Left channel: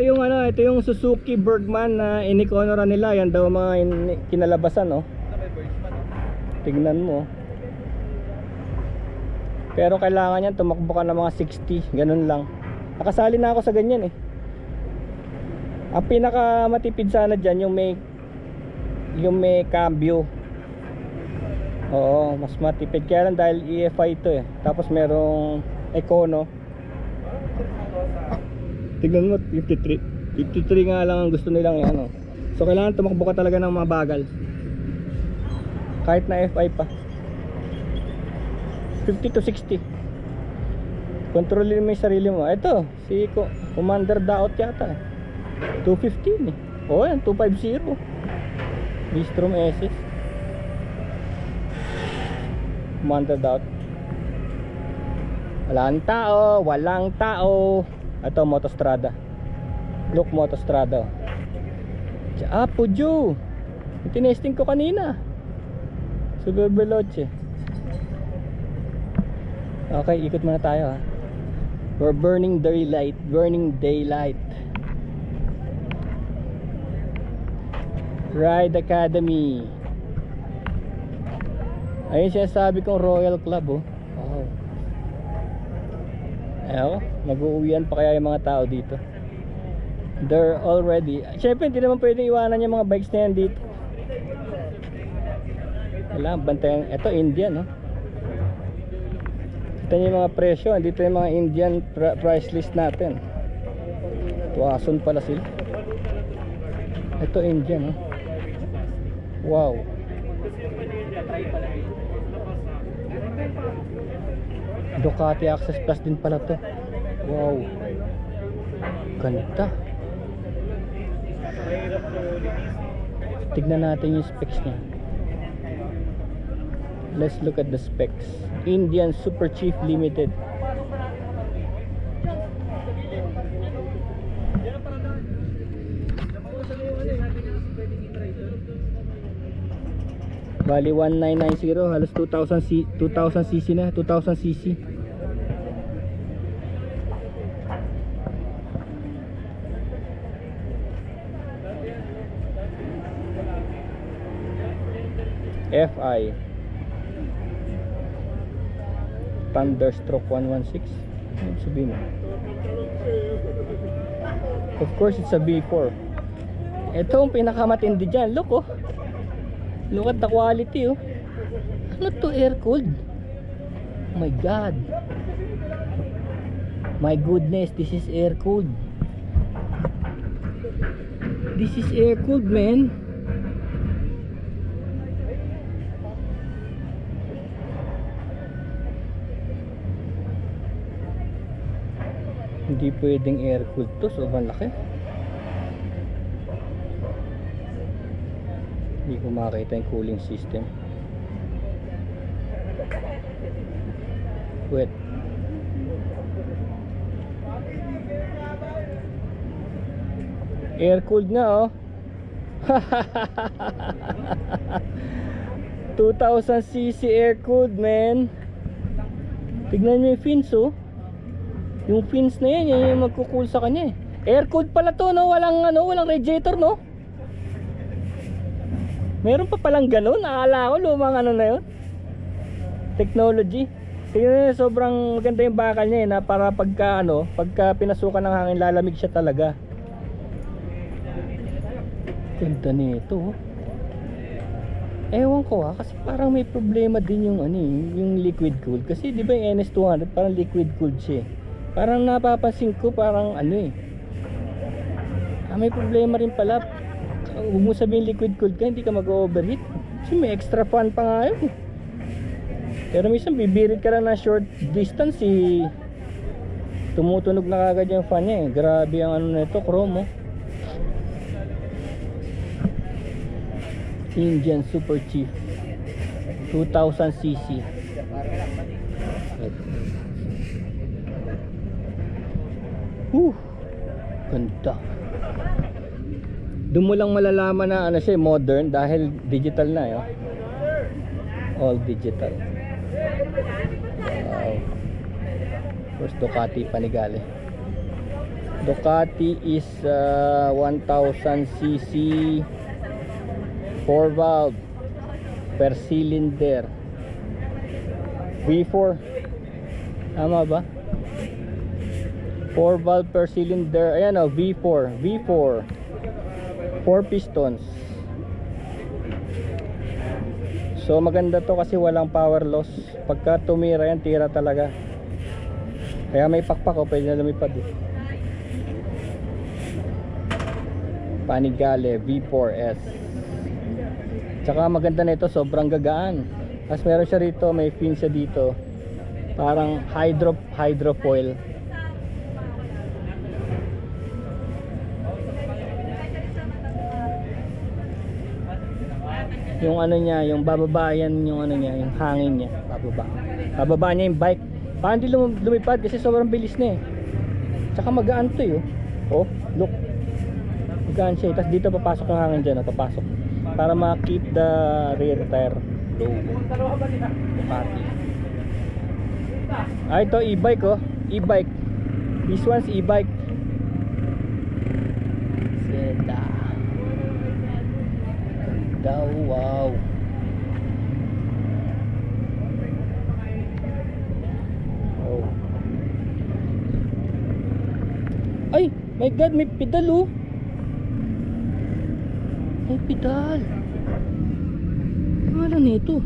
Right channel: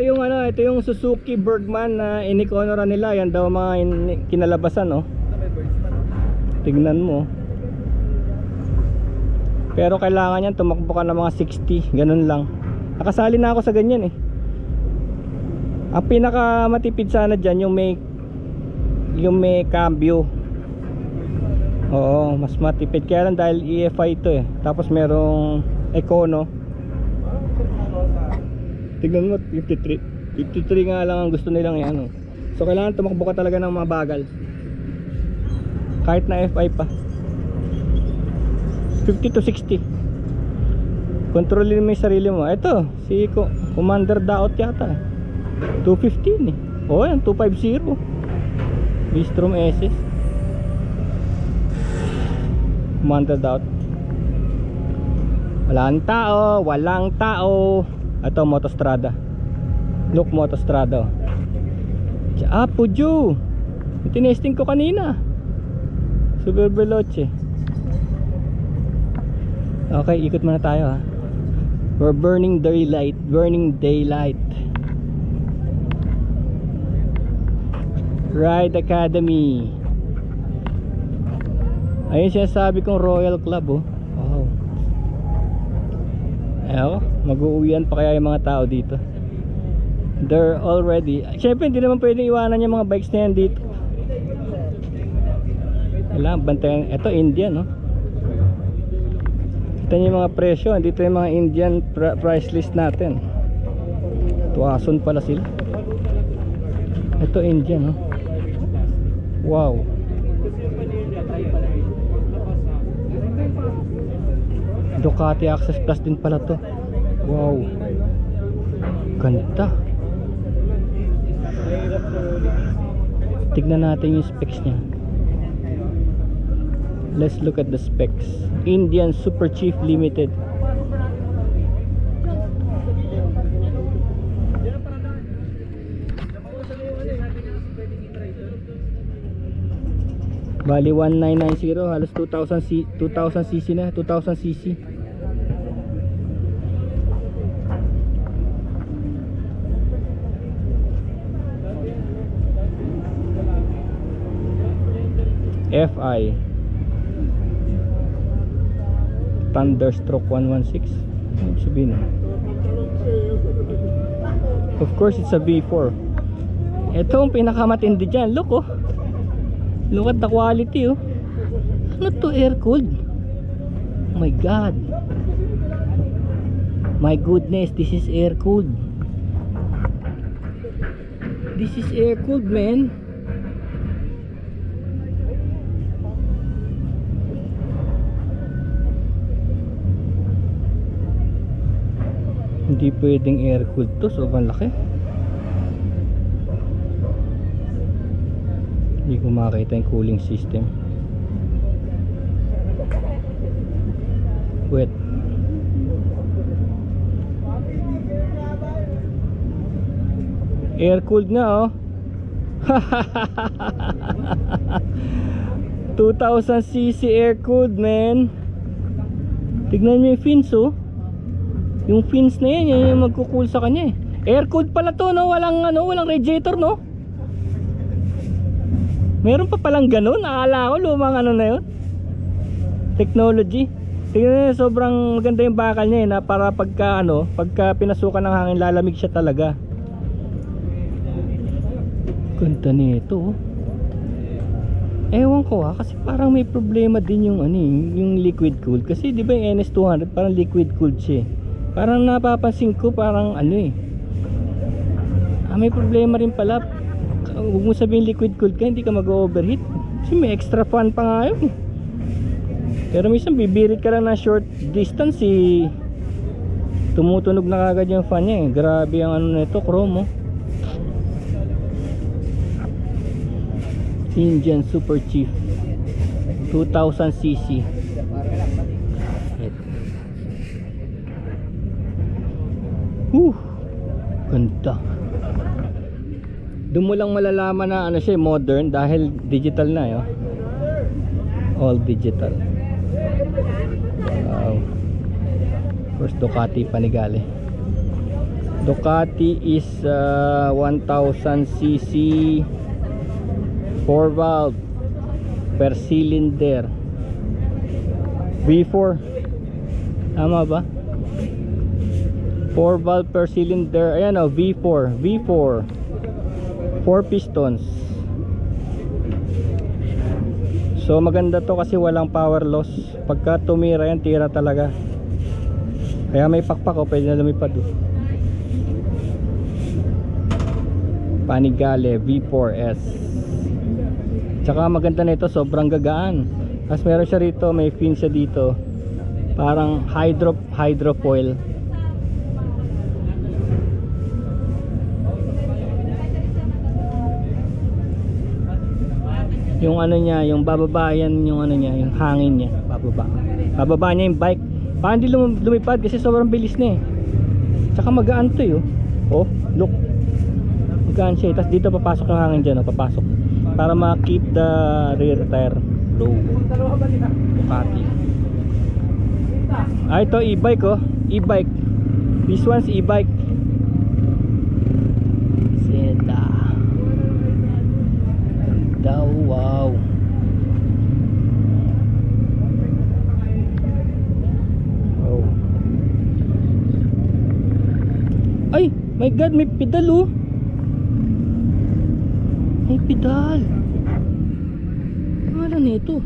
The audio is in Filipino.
Ito yung ano, ito yung Suzuki Bergman na inikonora nila. Yan daw mga kinalabasan, no? Tignan mo. Pero kailangan yan tumakbo ka ng mga 60, ganun lang. Nakasali na ako sa ganyan eh. Ang pinaka matipid sana dyan yung may cambio. Oo, mas matipid. Kaya lang dahil EFI ito eh. Tapos merong Econo. Tignan mo, 53 nga lang ang gusto nilang ano. So kailangan tumakbo ka talaga ng mabagal. Kahit na FI pa. 50 to 60. Kontrolin mo yung sarili mo. Ito, si Commander Daot yata 215 eh. O yan, 250 Bistrom SS Commander Daot. Walang tao. Ito, Motostrada. Look, Motostrada. Pujo. Tinesting ko kanina. Super Veloce. Okay, ikot muna tayo ha. We're burning daylight. Ride Academy. Ayun siya sabi kong Royal Club oh. Oh. Ayaw, mag-uuwian pa kaya yung mga tao dito. They're already. Siyempre hindi naman pwedeng iwanan yung mga bikes na yan dito. Wala, bantayan. Ito Indian no. Ito yung mga presyo. Dito yung mga Indian price list natin. Tuwason pala sila. Ito Indian no. Wow. Ducati Access Plus din pala to. Wow. Ganda. Tignan natin yung specs niya. Let's look at the specs. Indian Super Chief Limited. Bali 1990, halos 2000cc na, 2000cc. FI Thunderstroke 116. Ano sabihin? Of course it's a V4. Ito ang pinakamatindi dyan. Look oh. Look at the quality oh. Ano to, air cooled? Oh my god. My goodness, this is air cooled. This is air cooled, man. Hindi pwedeng air cooled to, sobrang laki. Hindi ko makita yung cooling system. Wet. Air cooled na oh. 2000cc air cooled, man. Tignan nyo yung fins oh. Yung fins na yan, yan yung magkukool sa kanya eh. Air cooled pala to no, walang radiator no. Meron pa palang ganun, akala ko lumang ano na yun. Technology. Tingnan nyo, sobrang maganda yung bakal niya eh, na para pagka pinasukan ng hangin lalamig siya talaga. Ganda nito oh. Ewan ko kasi parang may problema din yung yung liquid cooled. Kasi di ba yung NS200 parang liquid cooled siya eh. Parang napapansin ko parang may problema rin pala. Huwag mo sabihin liquid cooled ka, hindi ka mag-overheat. Kasi may extra fan pa nga yun. Pero minsan bibirit ka lang na short distance tumutunog na kagad yung fan niya eh. Grabe ang nito, chrome oh. Indian Super Chief 2000cc. Ganda. Doon mo lang malalaman na siya modern dahil digital na yun. All digital. Wow. First Ducati Panigale. Ducati is 1000cc 4 valve per cylinder V4, tama ba? 4 valve per cylinder, ayan o, V4 4 pistons. So maganda to kasi walang power loss. Pagka tumira yan, tira talaga. Kaya may pakpak o, pwede na lumipad eh. Panigale V4S. Tsaka maganda na ito, sobrang gagaan. Tapos meron siya rito, may fin siya dito, parang hydrofoil. Yung ano niya, yung bababayan, yung ano niya, yung hangin niya, bababa niya yung bike. Parang di lumipad kasi sobrang bilis na eh. Tsaka magaan to yun. Oh, look, magaan siya. Tapos dito papasok yung hangin dyan, oh, papasok para ma-keep the rear tire low. Ducati. Ah, ito e-bike oh, e-bike. This one's e-bike. Seta. Daw, wow. Oh. Ay, my god, may pedal oh. May pedal. Ano na ito?